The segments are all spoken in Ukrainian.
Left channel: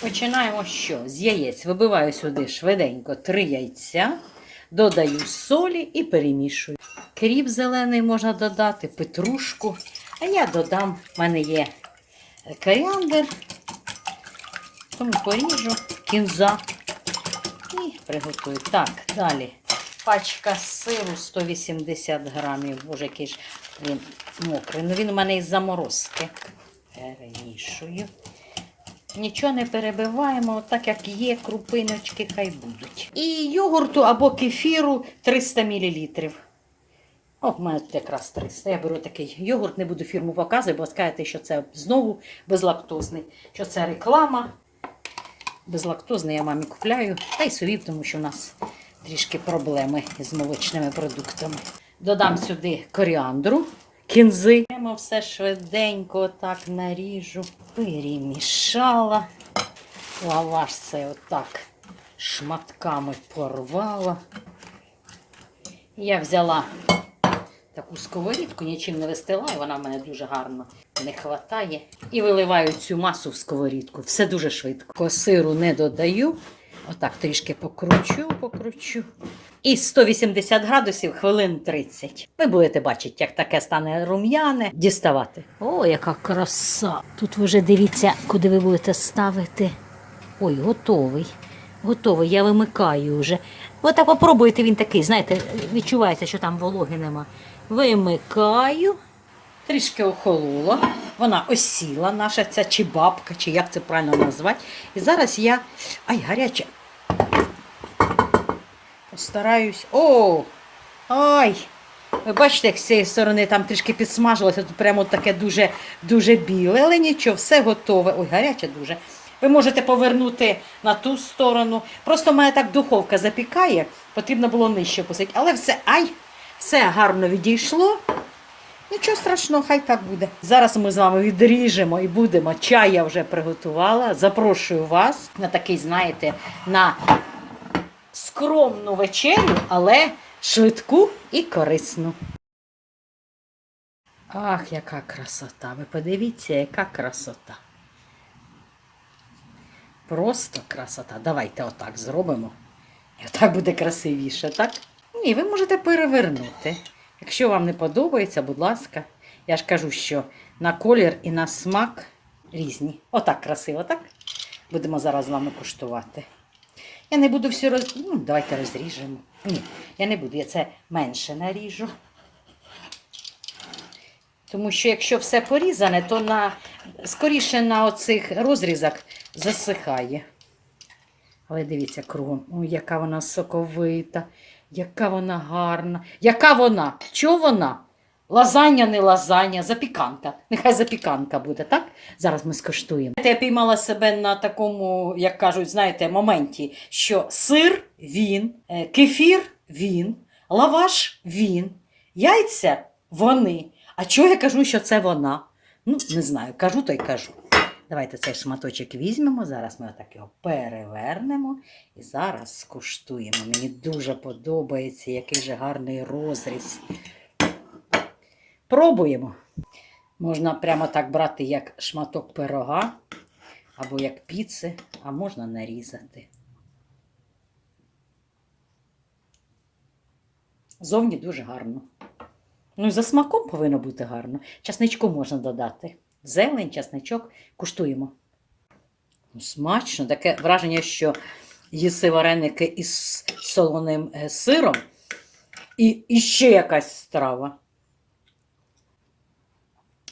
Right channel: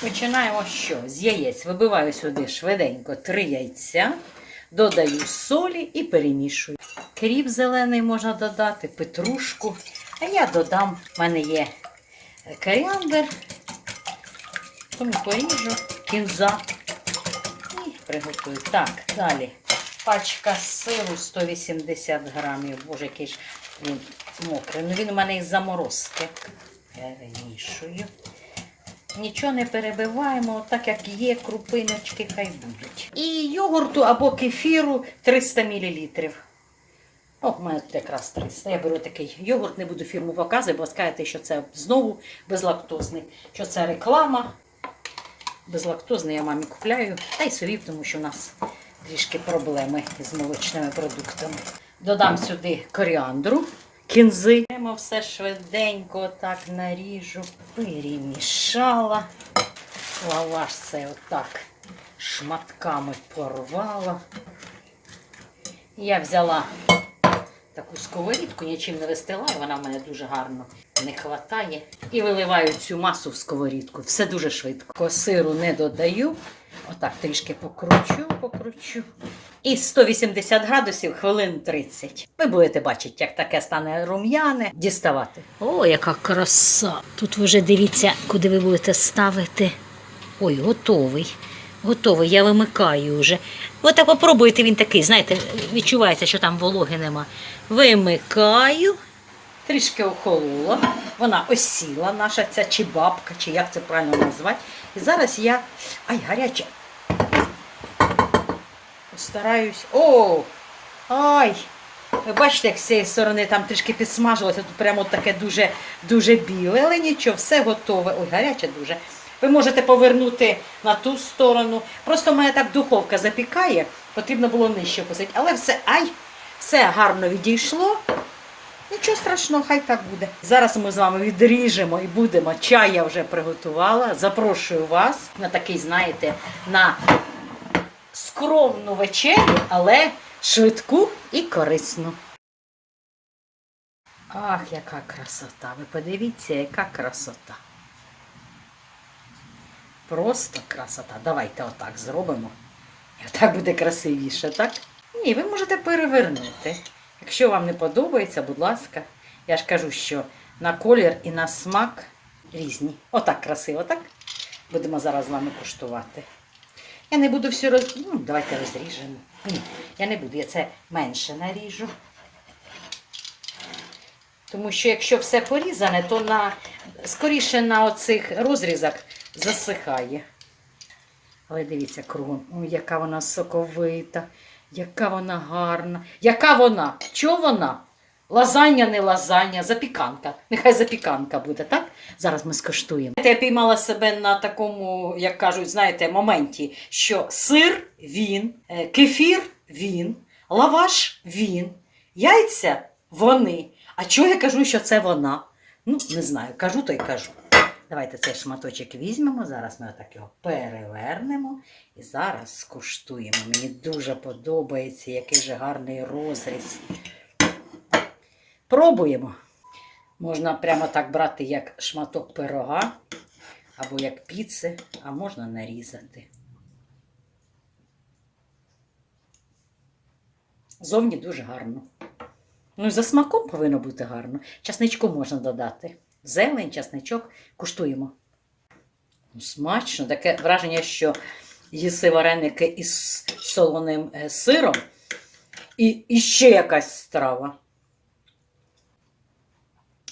Починаємо що? З яєць. Вибиваю сюди швиденько три яйця, додаю солі і перемішую. Кріп зелений можна додати, петрушку. А я додам, в мене є коріандр, тому поріжу кінза і приготую. Так, далі. Пачка сиру 180 грамів. Боже, який ж він мокрий. Ну він у мене із заморозки. Перемішую. Нічого не перебиваємо, так як є, крупиночки хай будуть. І йогурту або кефіру 300 мл. О, в мене тут якраз 300. Я беру такий йогурт, не буду фірму показувати, бо скажете, що це знову безлактозний, що це реклама. Безлактозний я мамі купляю, та й собі, тому що в нас трішки проблеми з молочними продуктами. Додам сюди коріандру, кінзи. Прямо все швиденько так наріжу. Перемішала. Лаваш це отак шматками порвала. Я взяла таку сковорідку, нічим не вистилаю, вона в мене дуже гарно не хватає. І виливаю цю масу в сковорідку. Все дуже швидко. Сиру не додаю. Отак трішки покручу, покручу. І 180 градусів хвилин 30. Ви будете бачити, як таке стане рум'яне, діставати. О, яка краса! Тут ви вже дивіться, куди ви будете ставити. Ой, готовий. Готовий, я вимикаю вже. От так попробуйте, він такий, знаєте, відчувається, що там вологи нема. Вимикаю, трішки охолола. Вона осіла, наша ця чи бабка, чи як це правильно назвати. І зараз я. Ай, гаряче. Постараюсь. О! Ай! Ви бачите, як з цієї сторони там трішки підсмажилося, тут прямо таке дуже, дуже біле, але нічого, все готове. Ой, гаряче дуже. Ви можете повернути на ту сторону. Просто в мене так духовка запікає, потрібно було нижче посити. Але все, ай, все гарно відійшло. Нічого страшного, хай так буде. Зараз ми з вами відріжемо і будемо. Чай я вже приготувала. Запрошую вас на такий, знаєте, на скромну вечерю, але швидку і корисну. Ах, яка красота! Ви подивіться, яка красота. Просто красота. Давайте отак зробимо. І отак буде красивіше, так? Ні, ви можете перевернути. Якщо вам не подобається, будь ласка, я ж кажу, що на колір і на смак різні. Отак красиво, так? Будемо зараз з вами куштувати. Я не буду все роз... Ну, давайте розріжемо. Ні, я не буду, я це менше наріжу. Тому що якщо все порізане, то на... скоріше на оцих розрізах засихає. Але дивіться кругом, Ой, яка вона соковита, яка вона гарна. Яка вона? Чого вона? Лазання, не лазання, запіканка. Нехай запіканка буде, так? Зараз ми скуштуємо. Я піймала себе на такому, як кажуть, знаєте, моменті, що сир він, е, кефір він, лаваш він, яйця вони. А чого я кажу, що це вона? Ну, не знаю, кажу, то й кажу. Давайте цей шматочок візьмемо. Зараз ми отак його перевернемо і зараз скуштуємо. Мені дуже подобається, який же гарний розріз. Пробуємо. Можна прямо так брати, як шматок пирога або як піци, а можна нарізати. Зовні дуже гарно. Ну, і за смаком повинно бути гарно. Часничку можна додати. Зелень, часничок. Куштуємо. Ну, Смачно, таке враження, що їси вареники із солоним е, сиром і, і ще якась страва.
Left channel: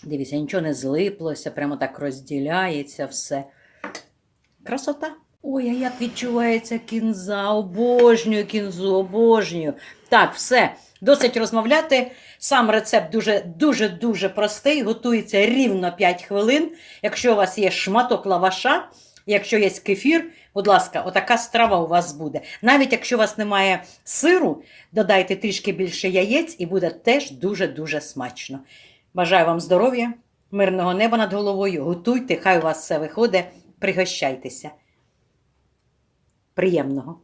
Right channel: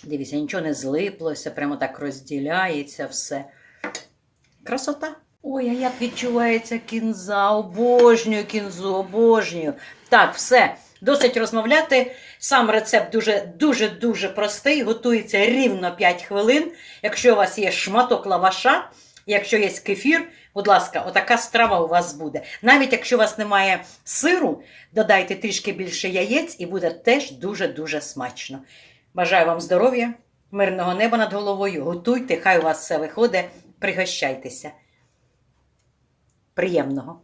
Дивіться, нічого не злиплося, прямо так розділяється все. Красота. Ой, а як відчувається кінза, обожнюю кінзу, обожнюю. Так, все, досить розмовляти. Сам рецепт дуже дуже дуже простий. Готується рівно 5 хвилин. Якщо у вас є шматок лаваша, якщо є кефір, будь ласка, отака страва у вас буде. Навіть якщо у вас немає сиру, додайте трішки більше яєць і буде теж дуже-дуже смачно. Бажаю вам здоров'я, мирного неба над головою. Готуйте, хай у вас все виходить. Пригощайтеся. Приємного!